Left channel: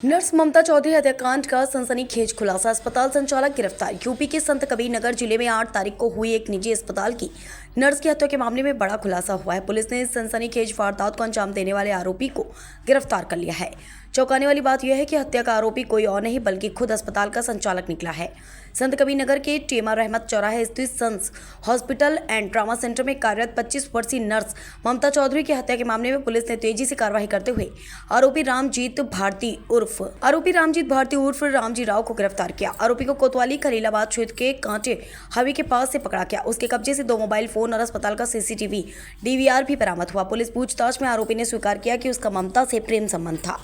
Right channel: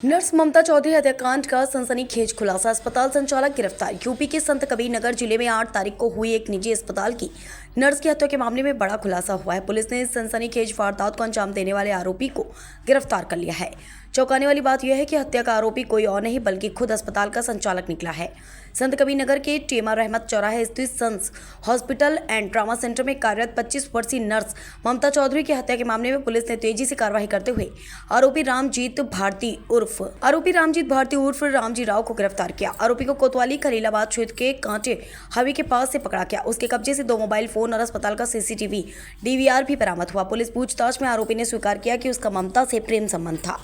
Nurse ममता चौधरी हत्याकांड का सनसनीखेज खुलासा। अस्पताल संचालक गिरफ्तार। यूपी के संत कबीर नगर जिले में 8 तारीख को हुई एक निजी अस्पताल की नर्स की हत्या के मामले में बड़ा खुलासा हुआ है। पुलिस ने इस सनसनीखेज वारदात को अंजाम देने वाले आरोपी को गिरफ्तार कर लिया है। चौंकाने वाली बात यह है कि हत्या का आरोपी कोई और नहीं बल्कि खुद अस्पताल का संचालक निकला है। संत कबीर नगर के टेमा रहमत चौराहे स्थित sons hospital and trauma centre में कार्यरत 25 वर्षीय नर्स ममता चौधरी की हत्या के मामले में पुलिस ने तेजी से कार्रवाई करते हुए आरोपी रामजीत भारती उर्फ रामजी राव को गिरफ्तार किया। आरोपी को कोतवाली खलीलाबाद क्षेत्र के कांटे हावी के पास से पकड़ा गया। उसके कब्जे से 2 मोबाइल फोन और अस्पताल का सीसीटीवी डीवीआर भी बरामद हुआ। पुलिस पूछताछ में आरोपी ने स्वीकार किया कि उसका ममता से प्रेम संबंध था,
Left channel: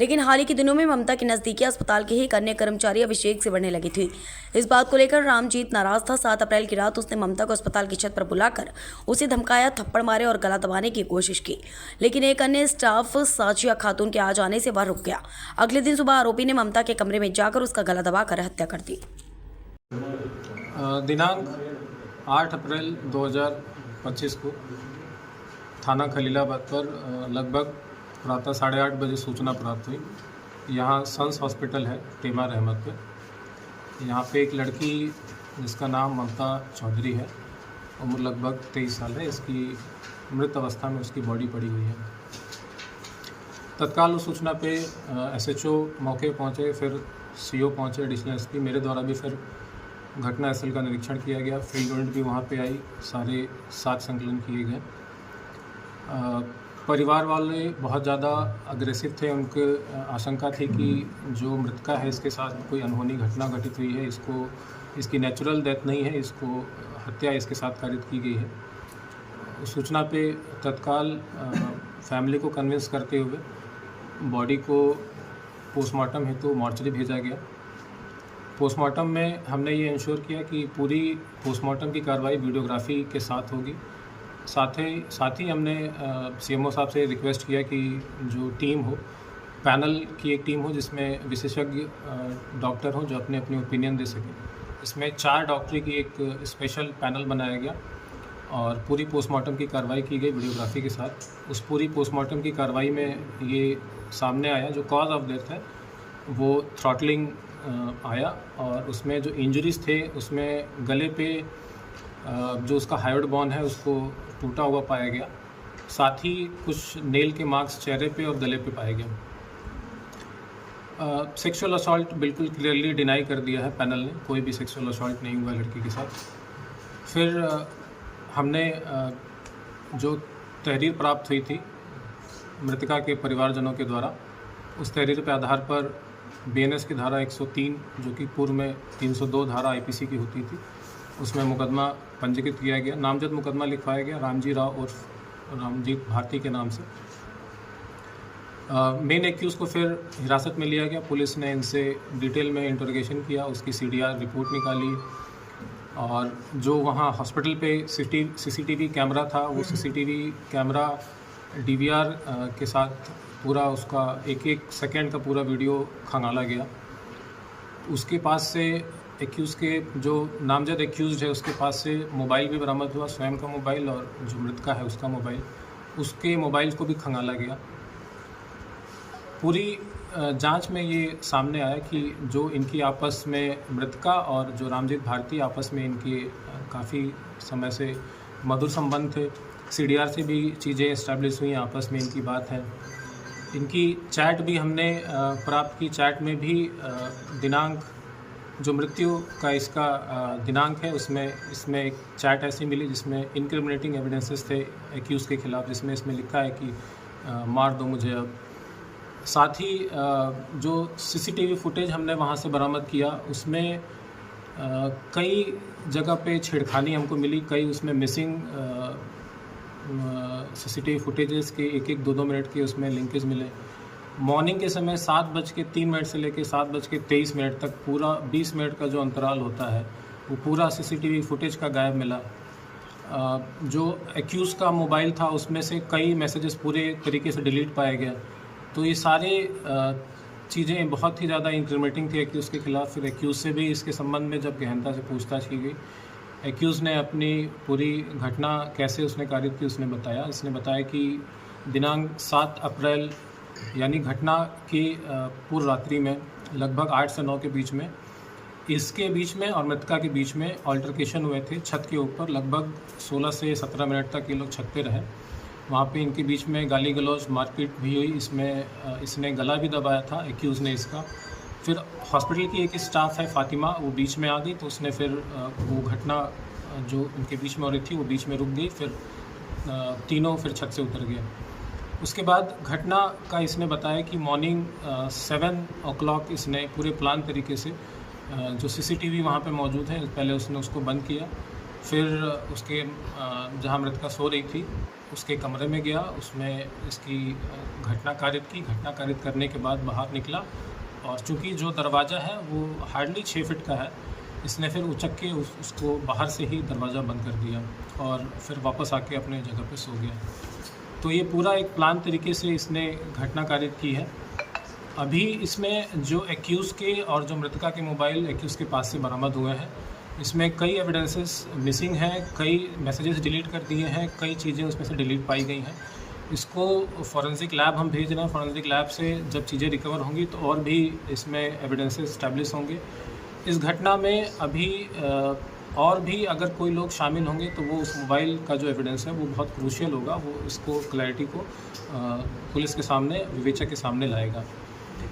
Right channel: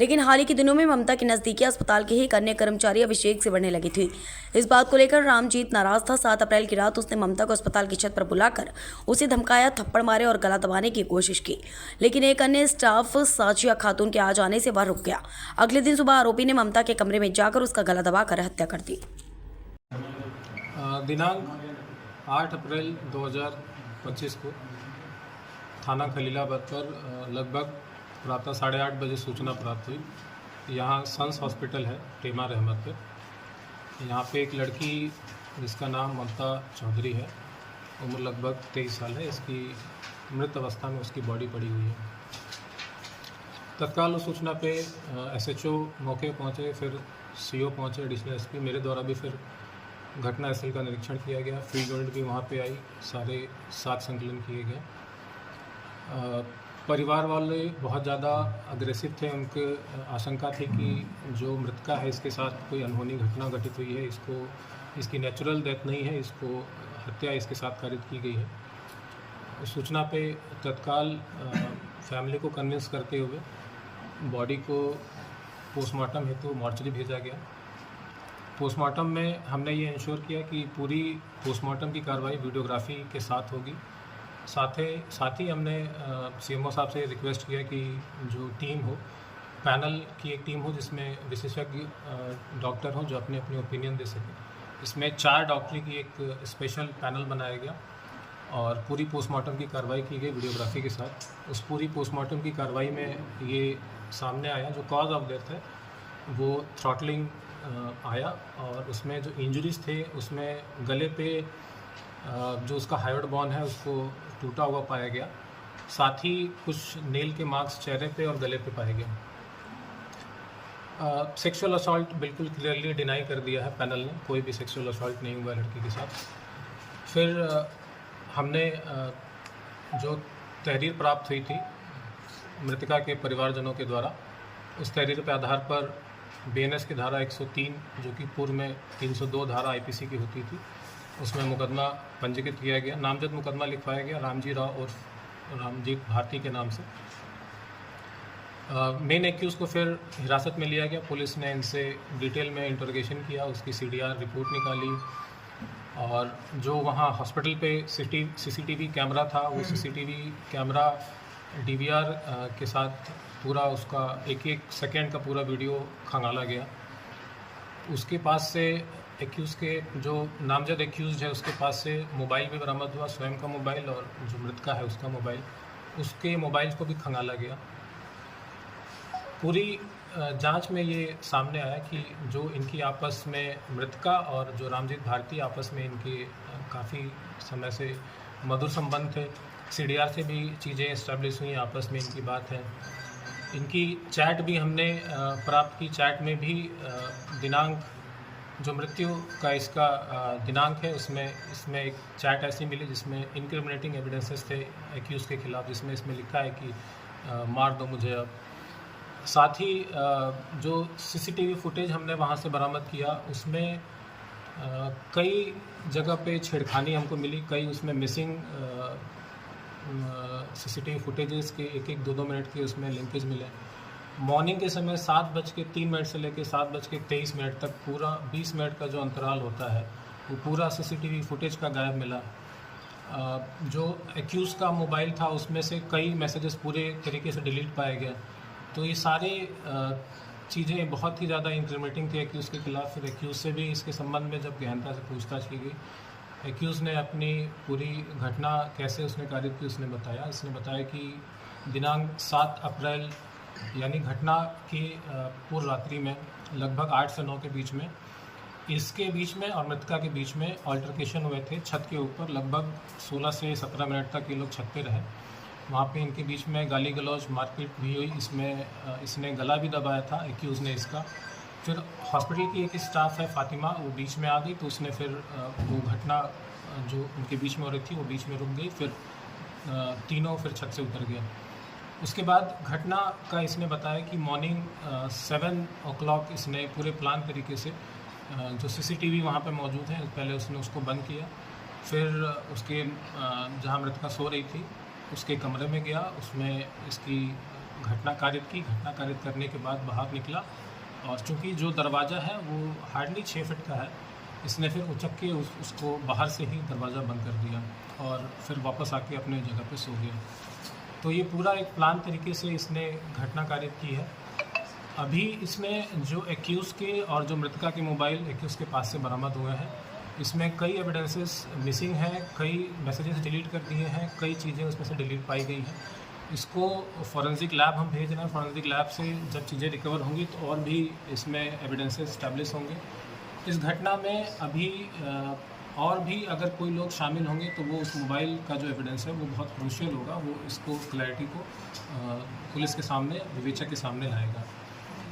लेकिन हाल ही के दिनों में ममता की नजदीकी अस्पताल के ही एक अन्य कर्मचारी अभिषेक से बढ़ने लगी थी। इस बात को लेकर रामजीत नाराज था। 7 अप्रैल की रात उसने ममता को अस्पताल की छत पर बुलाकर उसे धमकाया, थप्पड़ मारे और गला दबाने की कोशिश की, लेकिन एक अन्य स्टाफ साजिया खातून के आ जाने से वह रुक गया। अगले दिन सुबह आरोपी ने ममता के कमरे में जाकर उसका गला दबाकर हत्या कर दी। दिनांक 8 अप्रैल 2025 को थाना खलीलाबाद पर लगभग प्रातः 8:30 बजे सूचना प्राप्त हुई। यहाँ सन्स हॉस्पिटल है टेमा रहमत पे। यहाँ पे एक लड़की जिसका नाम ममता चौधरी है, उम्र लगभग 23 साल है। इसकी मृत अवस्था में उसकी बॉडी पड़ी हुई है। तत्काल उस सूचना पे एसएचओ मौके पहुँचे, फिर सीओ पहुँचे, एडिशनल एसपी, मेरे द्वारा भी फिर घटना स्थल का निरीक्षण किया गया। फील्ड यूनिट भी वहाँ पे आई, सारे साथ संकलन किए गए। परिवार वाले बहुत ज़्यादा अग्रेसिव थे। उनके आशंका थी कि जो मृतका है इसके साथ कोई अनहोनी घटना घटित हुई है, इसकी नेचुरल डेथ नहीं है, इसको हत्या इसके साथ कारित की गई है। सूचना पे तत्काल फैमिली को कन्विंस करते हुए बॉडी को पोस्टमार्टम हेतु मॉर्चरी भेजा गया। पोस्टमार्टम में हमने ये इंश्योर किया कि पूरी पोस्टमार्टम की कार्रवाई वीडियोग्राफी के साथ होगी। साथ ही हमने सीएमओ साहब से रिक्वेस्ट किया कि जो टीम हो, पैनल की एक टीम हो जिसमें विशेषज्ञ डॉक्टर हो जो अपने अपनी ओपिनियन दे सकें। इसमें 4 डॉक्टरी की एक स्पेशल पैनल बनाया गया और पूरी पोस्टमार्टम की कार्रवाई की गई वीडियोग्राफी के साथ। उस पूरी पोस्टमार्टम की कार्रवाई में ये सामने आया, जो कॉज ऑफ डेथ है वो थ्रॉटलिंग आया, और उसमें जो इंजरीज थे उसमें गले पे जो उसका हाइड बोन है उसको टूटा हुआ पाया गया। साथ ही कुछ नेल के मार्क्स चेहरे पे और गले पे पाए गए। सेक्सुअल असॉल्ट बिल्कुल क्लियरली डिनाई कर दिया है पैनल ने, कोई भी सेक्सुअल असॉल्ट नहीं हुआ लड़की के साथ। फिर हमने जो तहरीर प्राप्त हुई थी मृतका के परिवारजनों के द्वारा, उस तहरीर के आधार पर बीएनएस की धारा 103 जो कि पूर्व में 302 धारा आईपीसी की होती थी, उसमें मुकदमा पंजीकृत किया गया। नामजद मुकदमा लिखवाया गया रामजी राव उर्फ रामजीत भारती के नाम से। मेन एक्यूज को फिर हिरासत में लिया गया। पुलिस ने इनसे डिटेल में इंटरोगेशन किया, उसकी सीडीआर रिपोर्ट निकाली, और जो वहाँ हॉस्पिटल पे सीसीटीवी कैमरा था वो सीसीटीवी कैमरा डीवीआर के साथ पूरा उसका एक सेकेंड का पूरा वीडियो खंगाला गया। उसके पास से एक्यूज़ के जो नामजद एक्यूज़ है उसके पास से मोबाइल भी बरामद हुआ, स्वयं का मोबाइल और जो मृतका है उसका मोबाइल, उसके मोबाइल को भी खंगाला गया। पूरी जांच में ये सामने आया कि जो इनकी आपस में मृतका और जो रामजीत भारती आपस में इनके काफ़ी समय से मधुर संबंध थे। सीडीआर से भी चीज़ें इस्टेब्लिश हुई, आपस में इनकी बात है। इनकी चैट भी हमने प्राप्त की। चैट में भी दिनांक जो मृत्यु का इसका दिनांक है इसमें एक चैट ऐसी मिली जिसमें इनक्रिमिनेटिंग एविडेंसेस थे एक्यूज़ के खिलाफ, जिसमें इसमें लिखा है कि मार दो मुझे अब। साथ ही जो सीसीटीवी फुटेज हमने वहाँ से बरामद किया उसमें कई जगह पे छेड़खानी हमको मिली, कई उसमें मिसिंग सीसीटीवी फुटेजेस के 1-1, 2-2 मिनट के उसमें लिंकेज मिले। मॉर्निंग के समय 7:03 से लेकर 7:23 तक पूरा 20 मिनट का जो अंतराल होता है वो पूरा सीसीटीवी फुटेज का गायब मिला। जो एक्यूज़ का मोबाइल था उसमें से कई मैसेजेस पूरे तरीके से डिलीट पाए गए। तो ये सारे चीज़ें बहुत ही ज़्यादा इंक्रिमिनेटिंग थी एक्यूज़ के खिलाफ। फिर एक्यूज़ से भी इसके संबंध में जब गहनता से पूछताछ की गई, एक्यूज़ ने अपनी पूरी घटना कैसे उसने कारित की उसने बताया कि दिनांक 7 अप्रैल यानी घटना की पूर्व रात्रि में लगभग 8 से 9 के बीच में इसके बीच में और मृतका के बीच में ऑल्टरकेशन हुए थे छत के ऊपर। लगभग 16 से 17 मिनट तक ये लोग छत पे रहे। वहाँ पे इनके बीच में गाली गलौज मारपीट भी हुई। इसमें इसने गला भी दबाया था एक्यूज़ ने इसका। फिर हॉस्पिटल की एक स्टाफ है फ़ातिमा, वो बीच में आ गई, तो उसने फिर वो घटना जो उनके बीच में हो रही थी वो बीच में रुक गई। फिर तीनों फिर छत से उतर गए। उसके बाद घटना का इसने बताया कि मॉर्निंग 7 o'clock इसने पूरे प्लान तरीके से जो सीसीटीवी वहाँ पे मौजूद है पहले उसने उसको बंद किया। फिर उसके जहाँ मृतका सो रही थी उसके कमरे में गया, उसमें इसकी घटना कारित करने के बाद बाहर निकला और चूँकि जो दरवाज़ा है वो हार्डली 6 फीट का है, इसने फिर उचक के उसको बाहर से ही दरवाज़ा बंद कर दिया और फिर वापस आके अपने जगह पे सो गया। तो ये पूरा एक प्लान तरीके से इसने घटना कारित की है। अभी इसमें जो एक्यूज़ के और जो मृतका के मोबाइल एक्यूज़ के पास से बरामद हुए हैं, इसमें कई एविडेंसेस मिसिंग हैं, कई मैसेजेस डिलीट कर दिए हैं, कई चीज़ें उसमें से डिलीट पाई गई हैं। इसको फॉरेंसिक लैब हम भेज रहे हैं। फॉरेंसिक लैब से जब चीज़ें रिकवर होंगी तो और भी इसमें एविडेंसेस इस्टेब्लिश होंगे। इस घटना में अभी और भी अगर कोई लोग शामिल होंगे तो वो उस मोबाइल का जो एविडेंस है वो बहुत क्रूशियल होगा। वो इसको क्लैरिटी को पुलिस के सामने, विवेचक के सामने लाएगा।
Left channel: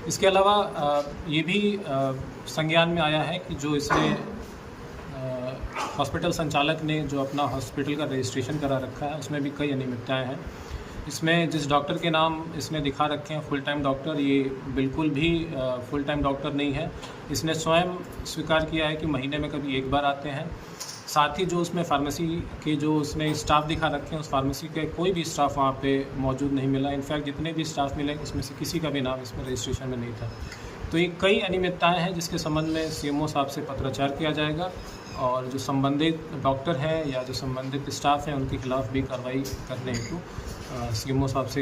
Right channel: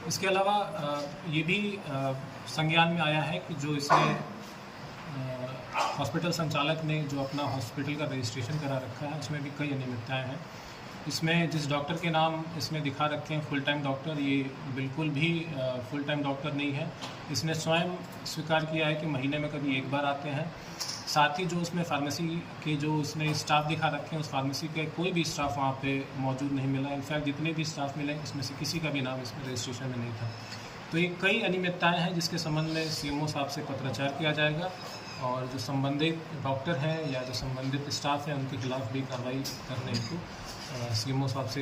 इसके अलावा ये भी संज्ञान में आया है कि जो इसने हॉस्पिटल संचालक ने जो अपना हॉस्पिटल का रजिस्ट्रेशन करा रखा है उसमें भी कई अनियमितताएँ हैं। इसमें जिस डॉक्टर के नाम इसने दिखा रखे हैं फुल टाइम डॉक्टर, ये बिल्कुल भी फुल टाइम डॉक्टर नहीं है। इसने स्वयं स्वीकार किया है कि महीने में कभी एक बार आते हैं। साथ ही जो उसमें फार्मेसी के जो उसने स्टाफ दिखा रखे हैं उस फार्मेसी के कोई भी स्टाफ वहाँ पे मौजूद नहीं मिला। इनफैक्ट जितने भी स्टाफ मिले उसमें से किसी का भी नाम इसमें रजिस्ट्रेशन में नहीं था। तो ये कई अनियमितताएँ हैं जिसके संबंध में सीएमओ साहब से पत्राचार किया जाएगा और जो संबंधित डॉक्टर हैं या जो संबंधित स्टाफ हैं उनके खिलाफ भी कार्रवाई करने हेतु सीएमओ साहब से